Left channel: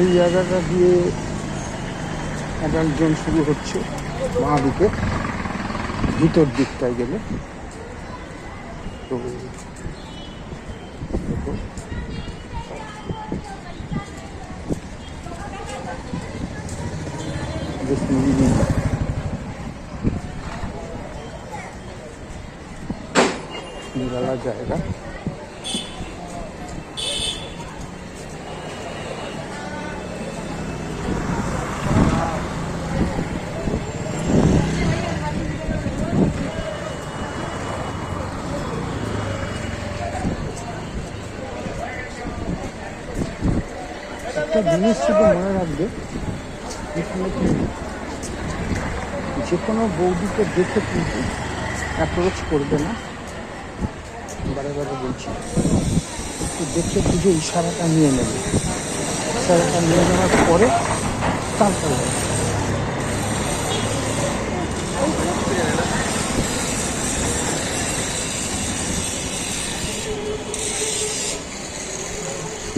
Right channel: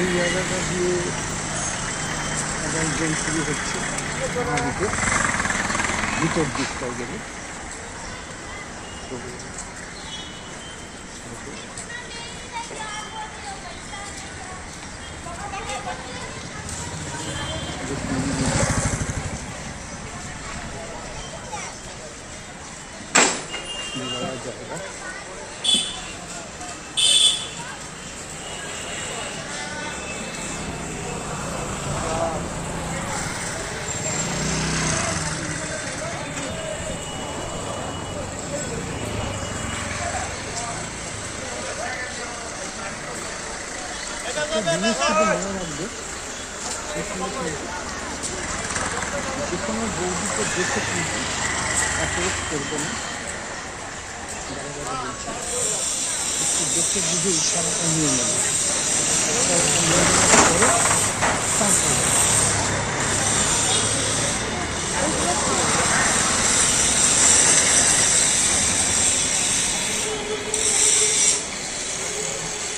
এই জায়গাটা দিয়ে মোবাইল জোন শুরু হচ্ছে মহাদ্বীপের ভিতর দিকটায় গেলে। তো নিরালা জায়গা। একটা জিনিস শুধু মনে রাখবে, যে কোনো বৌদিকে দেখে কিন্তু অ্যাপ্রোচ করবে না। বারে বারে বলছি, একটু দেখে বুঝে ইশারাটা নিয়ে নেবে। ইশারাটা নিয়ে নেওয়ার পরে তারপরে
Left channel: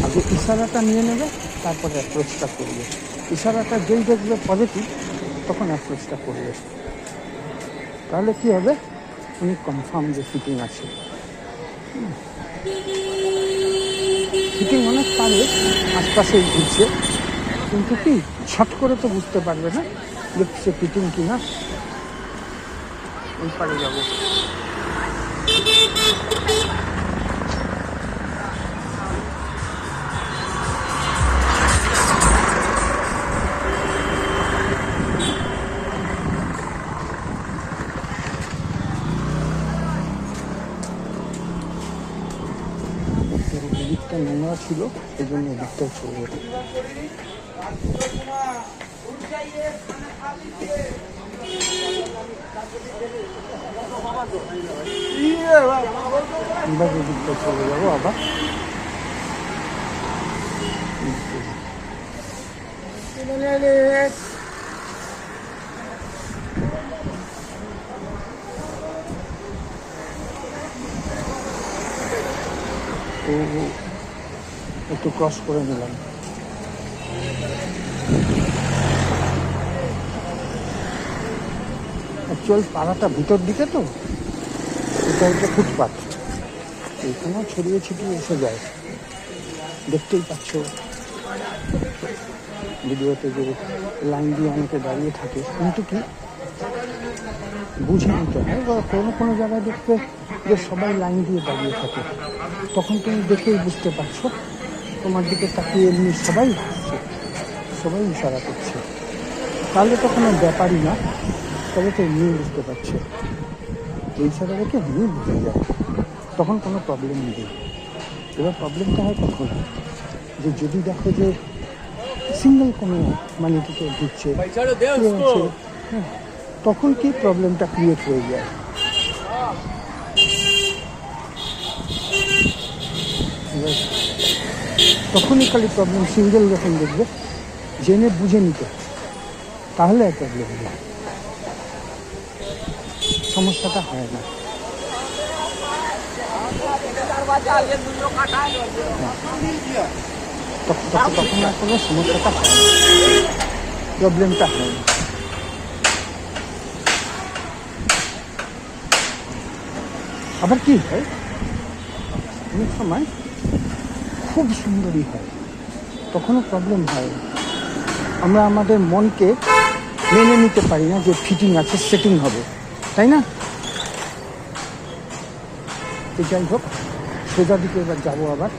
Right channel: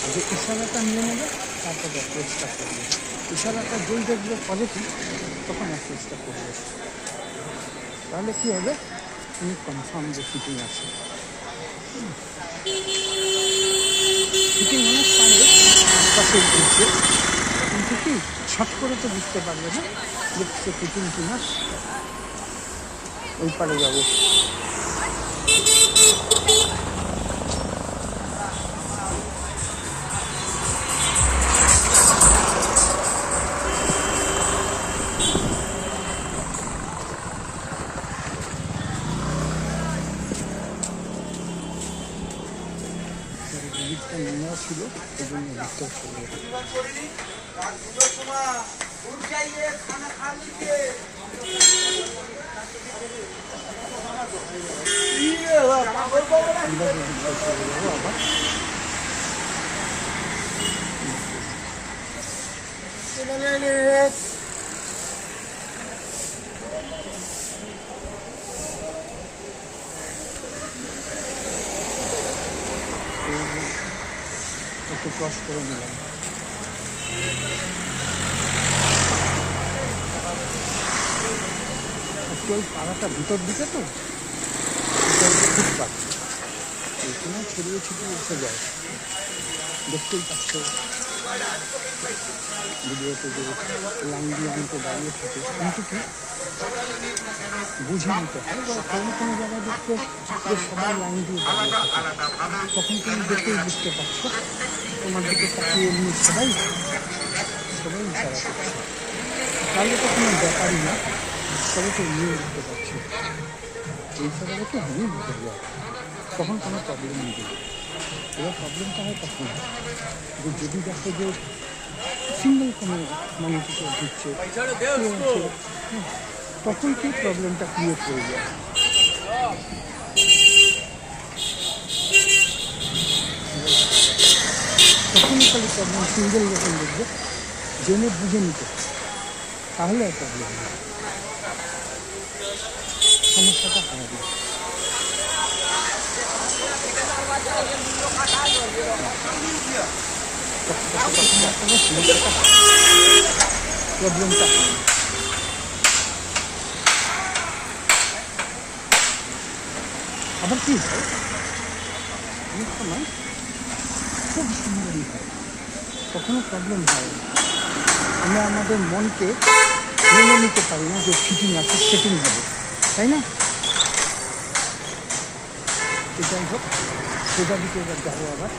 আগে ইশারাটা নিয়ে নেবে, তারপরে অ্যাপ্রোচটা করবে। ইশারাটা যেই দেখবে পজিটিভ, তখন অ্যাপ্রোচটা করবে। তাহলে কী হবে, তুমি কনফার্ম যে ফিটিং আছে। ফিটিং অনেক পারে আশপাশে ঘুরছে, কিন্তু কি ছট করে তো বুঝতে পারবে না দেখছে ফিটিং কিনা। ওই পারে যাবে। দিকটা নোংরা ছিল, এই জন্য দিকটাও চলে গেছে। দিকটা চলে যাবো আবার। তো একটু ক্রস করে নিলাম। অ্যাকচুয়াল পাড়াটা ভিতর দিকে, তো এটা হচ্ছে ফুটপাথ, এখানেও ছড়িয়ে ছিটিয়ে এসে যায়। দেখতেই পাচ্ছ ভিডিওতে যে লাইন দিয়ে অনেকে দাঁড়িয়ে থাকে, কিন্তু কি বুঝে নিতে হয়। বা কোনো কোনো জায়গায় দেখতে যে সবাই লাইন দিয়ে দাঁড়িয়ে থাকে, তখন তুমি দেখেই বুঝতে পারছো তোমার দিকে তাকিয়ে এমনি সবাই ইশারা করছে। তাহলে তো কোনো ব্যাপারই না, তবে তো এমনি বুঝতে পারছো। এই ইশারাটা তো এমনি বুঝে যায়, তখন কোনো প্রবলেম নেই। এবার প্রবলেমটা হয় তখন যে যদি দেখো যে সিঙ্গেল কোনো মানে কিছু দিচ্ছে, হ্যাঁ, তখন কি প্রবলেমটা ক্রিয়েট হয়ে যায়। তখনই খালি প্রবলেম। সিঙ্গেল যখন দেখবে জেনে বুঝে নিতে, তাহলে আর প্রবলেম না, সমস্যাটা হয় না। তখন আর কোনো সমস্যাটা হয় না, প্রবলেমটা হয় না। আবার কি হয়, অনেক সময় খুব সুন্দরই হয়, তখনও প্রবলেম হয় না। আমরা আমাদের মনকে মেনে নিতে পারি না যে ফিটিং আছে, সেটিং হবে, তাই না? যাই হোক, সোজা দিকে এবার যাবো আবার।